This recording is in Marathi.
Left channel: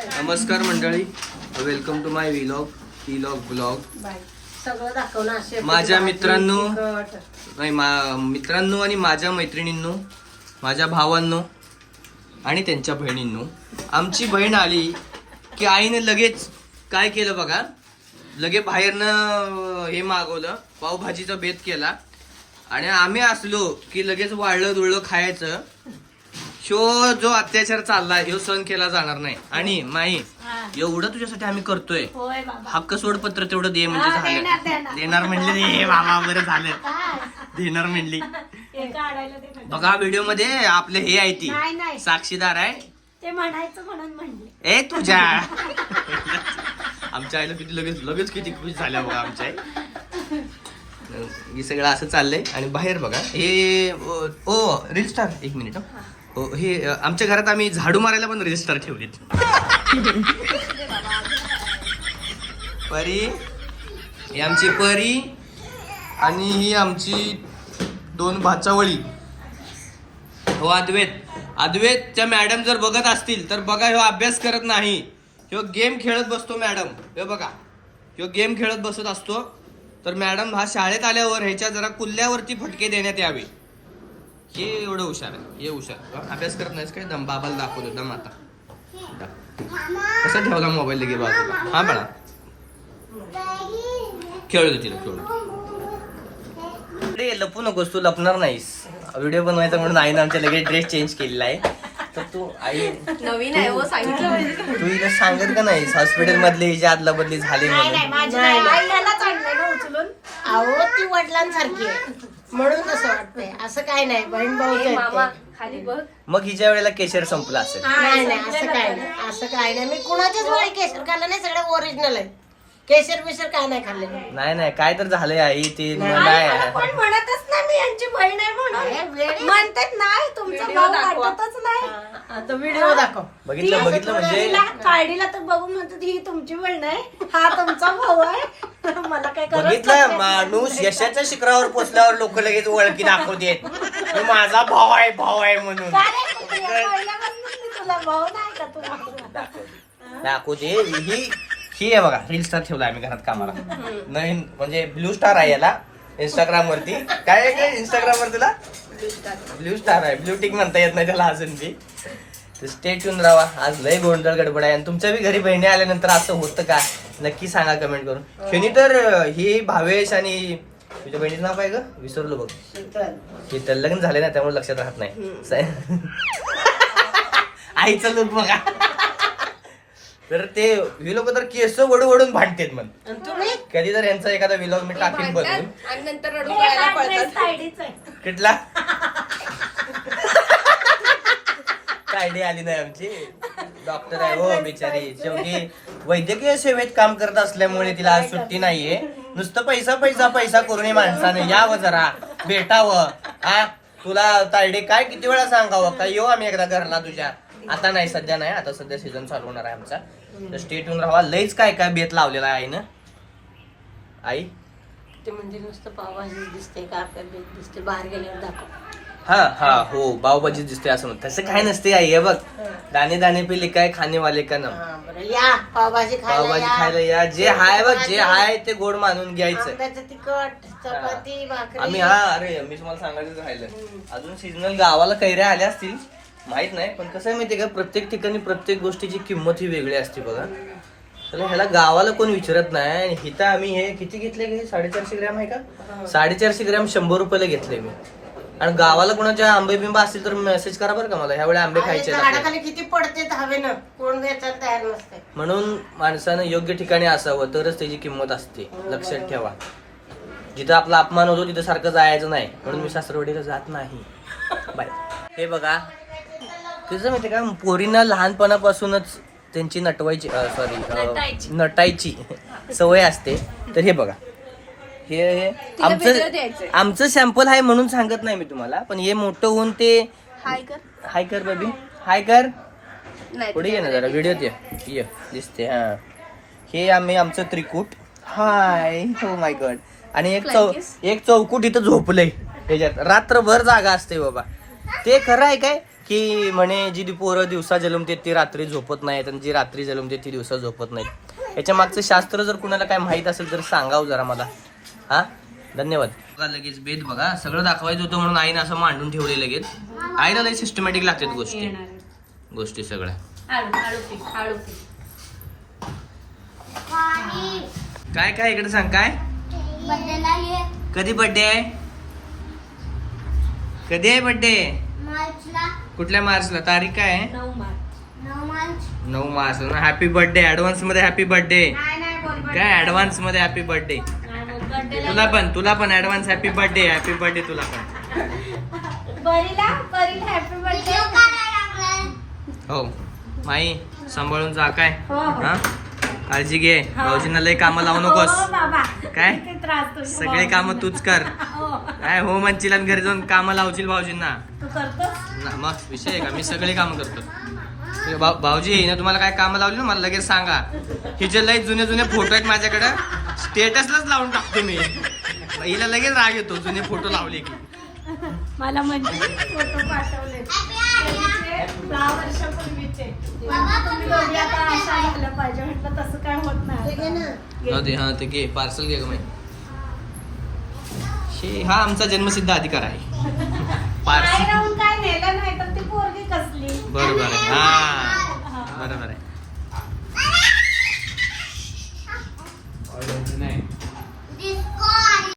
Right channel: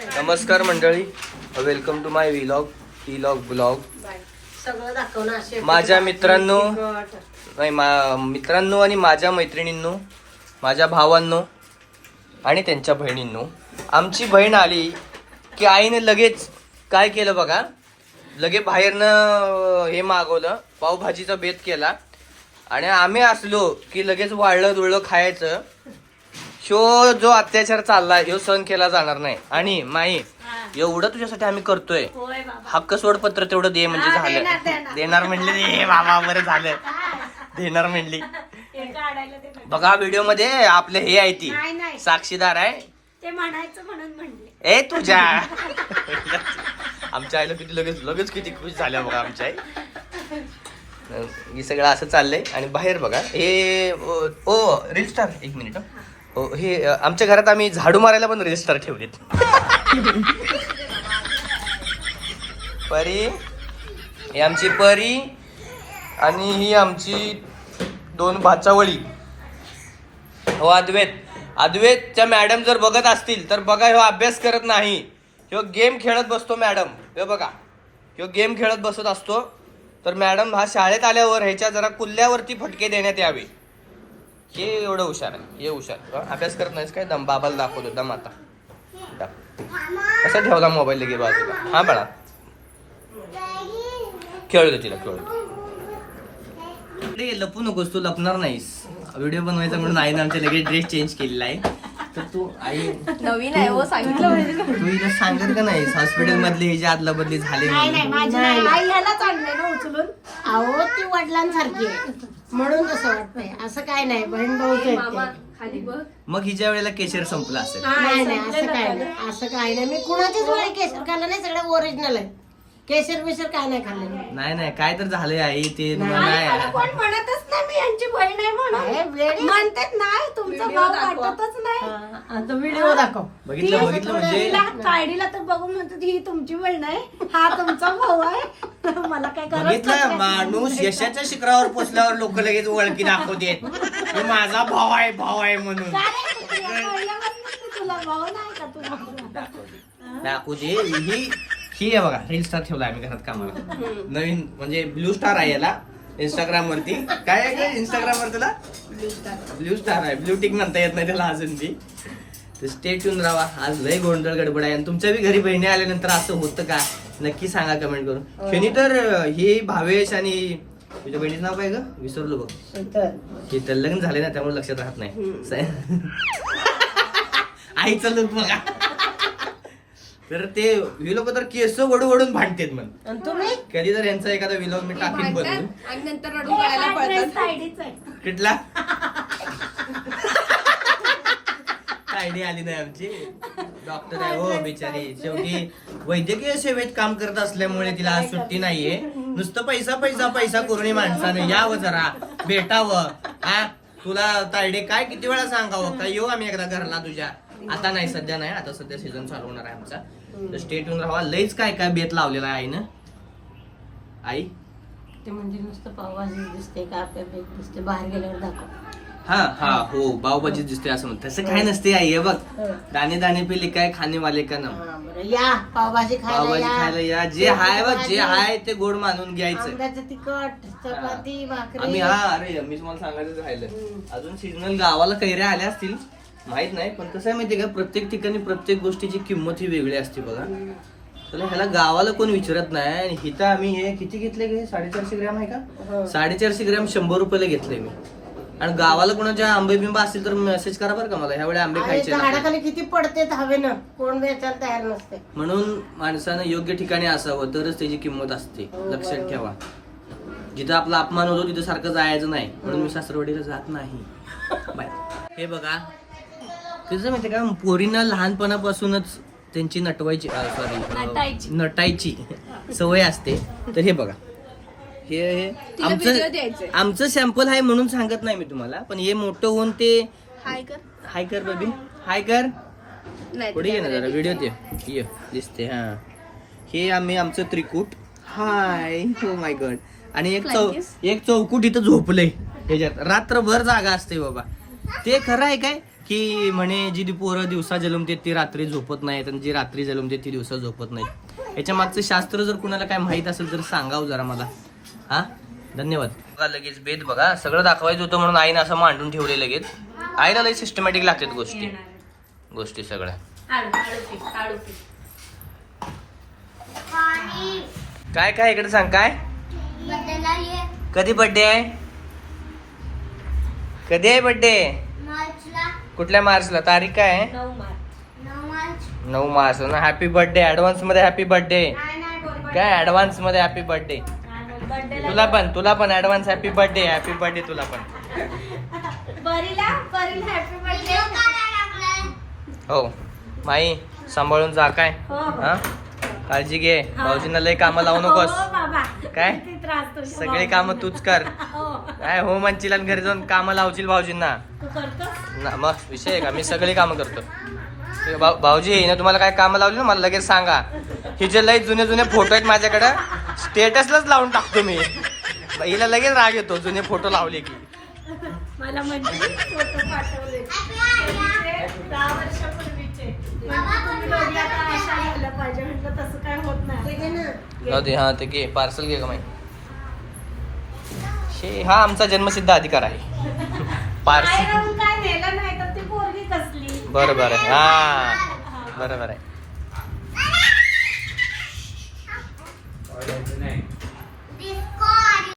नमस्कार मंडळी, वेलकम टू माय ब्लॉग. माझ्या मित्रांनो मित्रांनो आणि माझ्या मैत्रिणींनो, माझ्या भावांनो आणि त्यांच्या बहिणींनो, आमची बहीण आली की आईने लगेच काय केलं बघा, लगेच बाहेरनं हे मागवलं, पावभाजीचा बेत केला आणि आम्ही असलो की लगेच वाळलं दुळलं खायचं. ह्यो जो अत्याचार चाललाय ह्यो सहन केला जाणार नाही. आणि माही एवढं तुझ्यासाठी आम्ही करतोय, हक्क सोडपत्र तेवढं दे म्हणजे झालं. देणार म्हणले दे बाबा, बरं झालं देणार म्हणली. बघा व्हिडिओ मध्ये आपले हे आहे, ती साक्षीदार आहे ते म्हणायचं म्हणून म्हणले. ए तुझ्या आमच्या आईला किती लगेच किती खुश झाल्या बघा आमच्या आई. हे सगळं असं चाललंय आणि बाहेर बघा हे रील स्टार. एक मिनिट हो, हे आमच्या घरात आम्ही झाडू मारायला पण रील स्टार ठेवलेत. परी, ही आमची परी आणि ही आमची दोन भाचावळी. हो अद्वैतच्या मॅडम जर बघत असतील तर बघा, ह्यो अभ्यास करत नाही, ह्यो गेम खेळत बसतो. मॅडम हे बघा, ह्यो गेम खेळत बसत असतो. तर मॅडम हा शाळेत आल्यावर ह्याच्या जरा कुल्ल्यावरती फटके देण्यात यावे. हे एवढं हुशार आहे, हे हुशार. अभ्यास करत नाहीस काय? दम बाबाला दाखवतो, दम आता कसा ठेवला मोबाईल लगे बाजूला. हा बाळा, खेळू दे तिला, खेळू दे. लपू नकोस, तू लपणार नाहीस. व्हिडिओ बनवायचा म्हणून आईने आमच्या लगेच ड्रेस चेंज केलेला आहे. तर तू आई नवीन आहे हो, सांगितलं. तू हिला सांगत का नाहीस हॉस्पिटल मधली हिची आदला बदली झाली म्हणून? उचलून. अहो ती वडिलांसारखी आहे म्हणून तसं वाटतंय. असं काय नाही, बहीण भाऊ खाली बघ. मग हिच्या वेळेला केशर संपला असेल. नाही नाही, असं काय नाही, असं काय नाही. मी कुणाच्याच वेळी केशर खाल्लं नाही, सगळं ओरिजिनल आहे. केशर बिशर काय नाही खाल्लेलं. नाही काय तर झालंय आई, ते नाही. नाही. पण म्हणतच नाही मी यांची बहीण आहे म्हणून. म्हणतात नाही, तुमचा भाऊ वाटतच नाही. आता व्हिडिओ दाखव. बघितलं म्हणजे काढीला तर बघून म्हणतात ही तुमची बहीण आहे, हा तुमचा भाऊ आहे. मला काय बघितलं, माणूस यशाच्या शिखरावर पोचल्यावर लोक लगेच ओळखी दाखवतेत, तो माझा भाऊ आहे म्हणून. तुला भाऊ नाही का? तुला दाखवते. ही आहे बघा, रील स्टार ठेवला आम्ही घरात कामाला. नवीन म्हणजे ब्लू स्टार आहे याला इंस्टाग्राम वरती. काय आहे इंस्टाग्राम वर तुला? ब्लू स्टार आहे, ब्लू टिक म्हणता येत नाही त्याला अजून बी. तर स्टे ट्यून राहा. आज लय गोंधळ गडबड आहे आणि तुमच्या बी घरी बहिणी आल्यानंतर असं होतं का नक्की सांगा कमेंट करून. ह्यानी तर ही भावेश आणि तुझ्या बहिणीचं नाव काय ग, विसरलो बघ. शीतल. लग्न झाले ना त्यामुळे लक्षात राहत नाही. आईचं लुक बघा. तर ते ही लोक तर केस वडून भांडतेत म्हण. कधी तर यांचा एखादा व्लॉग मी टाकीन बनवून. आणि नंतर रडू गायला पळतात. कुठला आयडिया आली नाही आमची. डॉक्टर आहे हो बिचारी, शेवटी वैद्यकीय सेवेत काम करत असल्यामुळे तिला आज सुट्टी नाहीये. नुसतं पैसा करून माणसाने यावं, जरा भेटावं. हा तुला तायडे काय किती वेळा सांगावं का येऊ आम्ही एकदा घरला तुझ्या. आता नाही, सध्या नाही, आता सध्या सीझन चालू होणार आहे आमचा. तर स्टे ट्यून राहा. लईच काय बेत लावलेला आहे ना आई. ते म्हणजे नुसतं पावभाजी दिसते का आपल्याला दिसते, बाहेर गेल्यावर दाखव. हा हो, पावभाजी दिसते असं म्हणत. तसं काय नसते आई. हे बघ, दाणे दाणे पे लिखा है खाने वाले का नाम. या पावभाजी खायला या. जे हाय बघ, जे हाय ते गोड मानून घ्यायचं. आंब्याचं तिखट, चपाती, भाकरी. आम्ही अरे मी तुम्हाला सांगायचं राहिलं, अजून सीजनल गावाला कैऱ्या आल्या असतील माहित नाही. पण कसं आहे माहितीये का, प्रत्येक ठिकाणी प्रत्येक गोष्टीची किंमत ही वेगळी असते बघा. तर ह्याला गावाला कोण विचारत नाही. आणि हिथं आम्ही हे किती घेतले, 450 ग्रॅम आहे का, 450 ग्रॅम 100 रुपयाला घेतले मी. आणि गावाला कोणाच्या आंबे बिंबा असतील तर मेसेज करा बरं का मला, ह्यावेळी आंबे खायचे. झाडाखाली किती पडते हवेनं, कोण वेचायला तयार नसते. म्हणून माणसानं योग्य ठिकाणी असावं तरच त्याची किंमत असते. लक्षात ठेवा, जिथं आपला अपमान होतो तिथं सारखं जायचं नाही. म्हणून मी सासरवाडीला जात नाही. बाय. हे बघा कसं माहितीये का, पोरींना लहानपणापासूनच त्यांची नटायची सवय असते. तर हे बघा, हे आमचं सॅम्पल आहे म्हणून सांगत नाही मी तुम्हाला, पण हे मोठं होऊन ते हाय कर बेबी, हाय कर. पुढे ये ना जरा, व्हिडिओ ये दिसते. हा, हे आमचं त्रिकूट. हाय, हो माय गॉड. आणि एक चौकूट इथं झोपलंय ह्याच्यात, रात्रभर जागा असते बाबा. ते खरं आहे काय की म्हणे जी पोरं दिवसा जन्मते ती रात्री झोपत नाहीत आणि जी रात्री जन्मते ती दिवसा झोपत नाहीत. याच्या मागचं शास्त्र जर कुणाला काय माहित असेल तर सांगाव जरा मला. हा धन्यवाद. बघा लगेच बेद बघा, सगळं दाखवायचं होतं म्हणून आईनं असं मांडून ठेवले लगेच. आईला लई सिस्टमॅटिक लागतात गोष्टी सगळ्या. काय काय इकडे सांग, काय कधी बर्थडे आहे? कधी आहे बर्थडे? कुठल्या मार्चला? तारीख काय आहे? 9 मार्च ना. हॅपी बर्थडे ऍडव्हान्स मध्ये. हॅपी बर्थडे काय ऍडव्हान्स मध्ये हॅपी बर्थडे. तुला पण advance happy birthday. Happy birthday तुला पण. हो माई सांभाळून जा काय. हा काळजी घे. भाऊजींना लय कामं लावू नकोस काय. सगळे काम तूच कर काय. हो म्हणशील आणि घरी जाऊन कामं लावशील भाऊजींना ना. मग विषय आहे का, मी सगळे कामं करतो. भाऊजी ना तुम्हाला काय कामं लावली ना मला लगेच सांगा. हिचे लय जुने फोटो आहेत माझ्याकडे, स्टेटसलाच लावून टाकतो मी. हिला लगेच राग येतो जुने फोटो लावले की. मला म्हणजे फोटो पाठवले 10 वर्षापूर्वीचे. तुम्ही दोघी आता अशा झालं पाहिजे म्हटलं, तसं काय होत नाही. हा ते घे पार्सल घे का माई. हा आमचा जन्मसिद्ध अधिकार आहे. पार्सल काय नेलं नाही तर ती पोरगी कसली. बरोबर आहे. हा बरोबर आहे.